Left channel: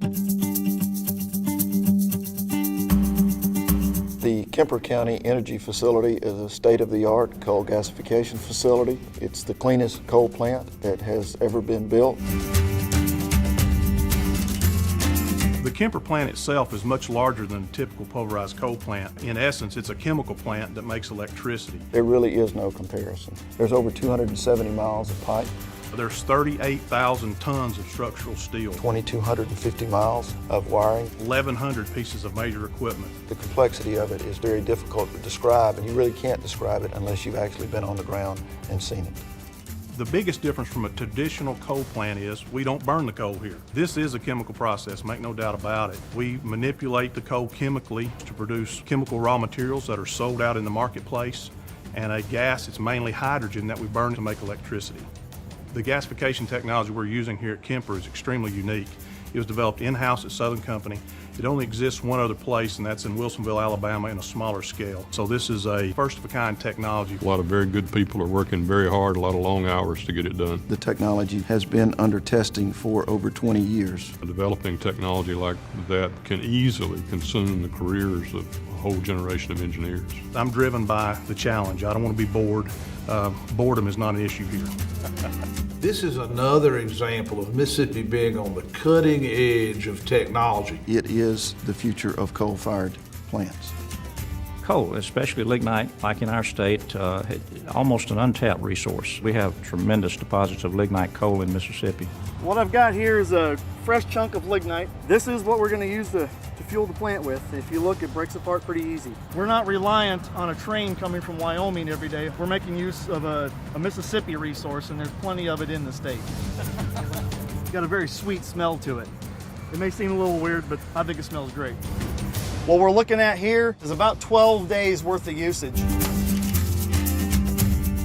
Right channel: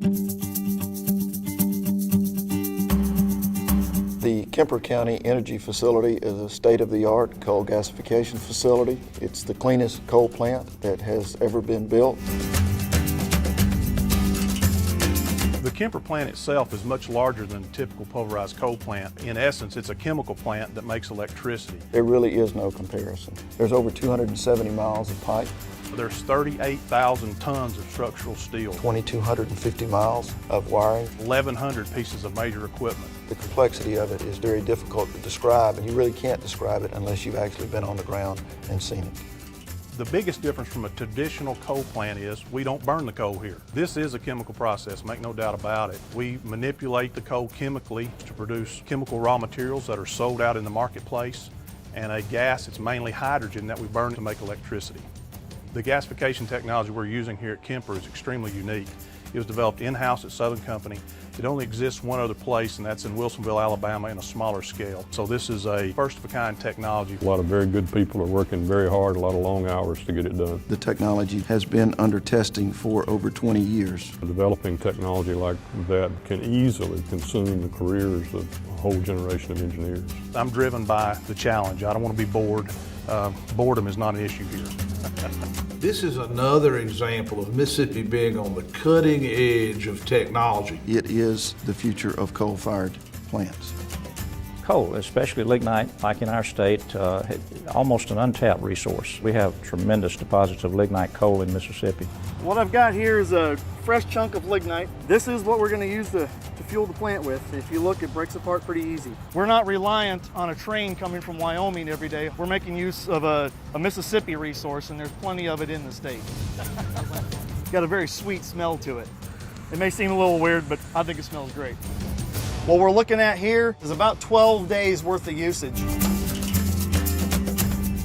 The Kemper County Energy Facility is a state-of-the-art coal gasification facility. It's the cleanest coal plant that has ever been built. The Kemper plant itself is much larger than a typical pulverized coal plant. In essence, it's a chemical plant that makes electricity. There really is no comparison. There's over 270 miles of pipe. There's 38,000 tons of structural steel, 2,250 miles of wiring. 1,100 pieces of major equipment. The complexity of it is very difficult to describe, and you really can't describe it unless you've actually been on the ground and seen it. The biggest difference from a traditional coal plant is we don't burn the coal here. This is a chemical process, make no doubt about it. We manipulate the coal chemically to produce chemical raw materials that are sold out in the marketplace, and a gas, it's mainly hydrogen that we burn to make electricity. The gasification technology we're using here at Kemper is extremely unique. It was developed in-house at Southern Company. It only exists one other place, and that's in Wilsonville, Alabama, in a smaller scale. So this is a first-of-a-kind technology. A lot of very good people are working very hard, a lot of long hours to get it done. The technology has been under testing for over 20 years. Developing technology like that can easily consume the careers of a whole generation of engineers. I'm driven by the challenge. I don't want to be bored. Boredom is not an issue here. This is another example of Mississippi being on the cutting edge of technology. It is the future of coal-fired plants. Coal, especially lignite, like in our state, almost an untapped resource. We have tremendous deposits of lignite coal in Mississippi. What I've got here is a fresh chunk of lignite. This is what we're going to use to fuel the plant with. If you look, it breaks apart pretty easy. We're not reliant on a train coming from Wyoming every day. We're making use of a Mississippi resource, and there's plenty of it in the state. It's got a very sweet smell to it. It may seem a little weird, but I think it smells great. What we're looking at here is about 12 days worth of usage.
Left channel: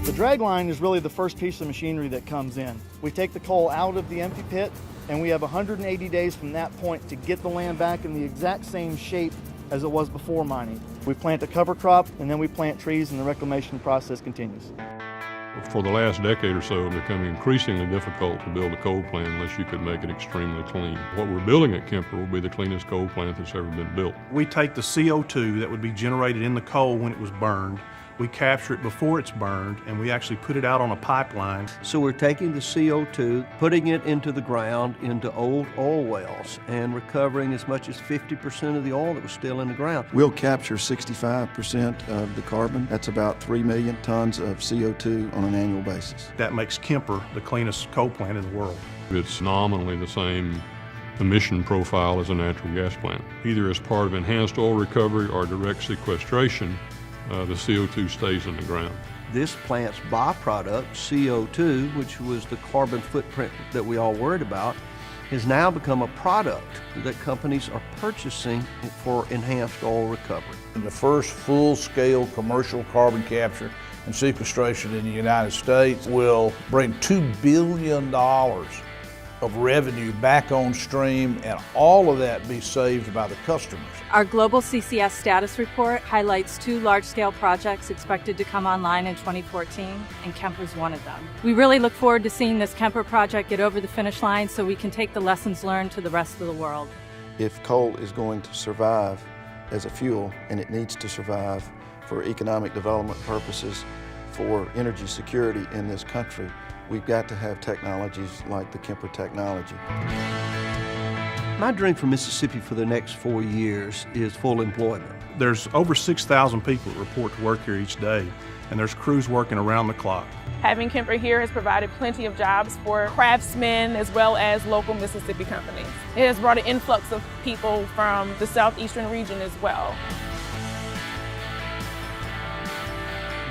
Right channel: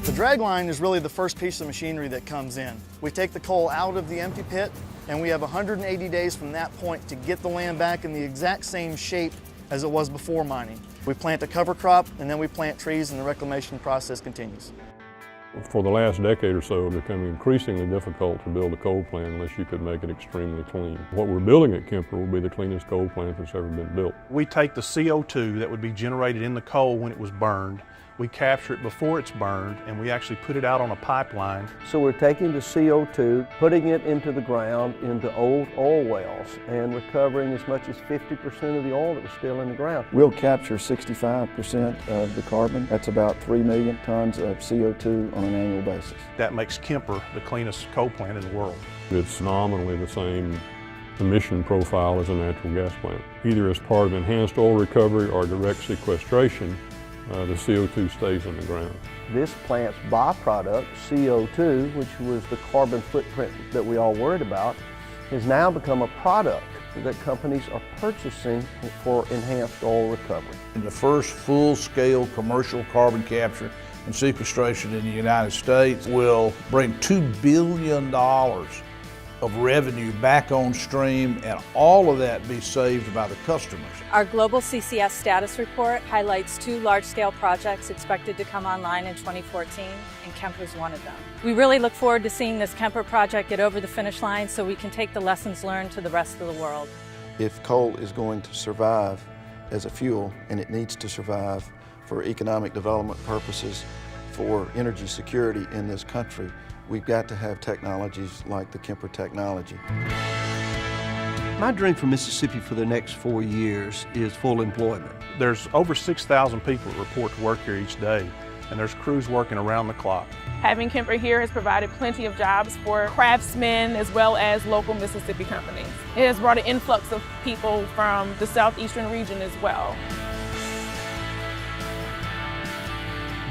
The drag line is really the first piece of machinery that comes in. We take the coal out of the empty pit, and we have 180 days from that point to get the land back in the exact same shape as it was before mining. We plant a cover crop, and then we plant trees, and the reclamation process continues. For the last decade or so, it's become increasingly difficult to build a coal plant unless you could make it extremely clean. What we're building at Kemper will be the cleanest coal plant that's ever been built. We take the CO2 that would be generated in the coal when it was burned, we capture it before it's burned, and we actually put it out on a pipeline. So we're taking the CO2, putting it into the ground, into old oil wells, and recovering as much as 50% of the oil that was still in the ground. We'll capture 65% of the carbon. That's about 3 million tons of CO2 on an annual basis. That makes Kemper the cleanest coal plant in the world. It's nominally the same emission profile as a natural gas plant. Either as part of enhanced oil recovery or direct sequestration, the CO2 stays in the ground. This plant's byproduct, CO2, which was the carbon footprint that we all worried about, has now become a product that companies are purchasing for enhanced oil recovery. The first full-scale commercial carbon capture and sequestration in the United States will bring $2 billion of revenue back on stream, and all of that be saved by the customers. Our global CCS status report highlights 2 large-scale projects expected to come online in 2014, and Kemper's one of them. We really look forward to seeing this Kemper project get over the finish line so we can take the lessons learned to the rest of the world. If coal is going to survive as a fuel, and it needs to survive for economic development purposes, for energy security in this country, we've got to have technologies like the Kemper technology. My dream for Mississippi for the next 4 years is full employment. There's over 6,000 people that report to work here each day, and there's crews working around the clock. Having Kemper here has provided plenty of jobs for craftsmen as well as local Mississippi companies. It has brought an influx of people from the southeastern region as well.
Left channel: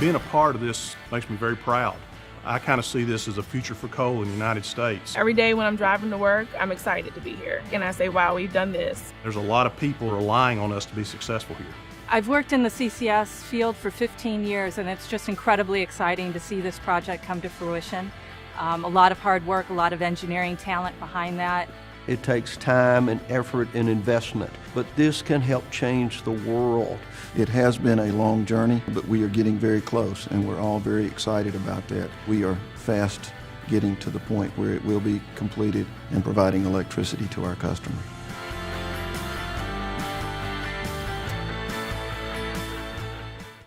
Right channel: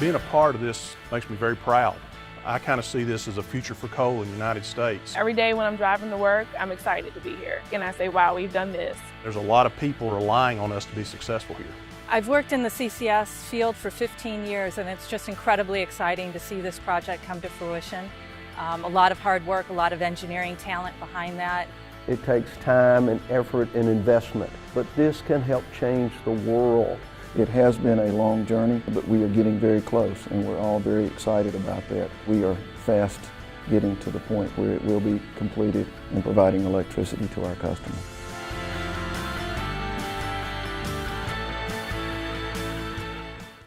Being a part of this makes me very proud. I kind of see this as a future for coal in the United States. Every day when I'm driving to work, I'm excited to be here. And I say, wow, we've done this. There's a lot of people relying on us to be successful here. I've worked in the CCS field for 15 years, and it's just incredibly exciting to see this project come to fruition. A lot of hard work, a lot of engineering talent behind that. It takes time and effort and investment, but this can help change the world. It has been a long journey, but we are getting very close, and we're all very excited about that. We are fast getting to the point where it will be completed and providing electricity to our customers.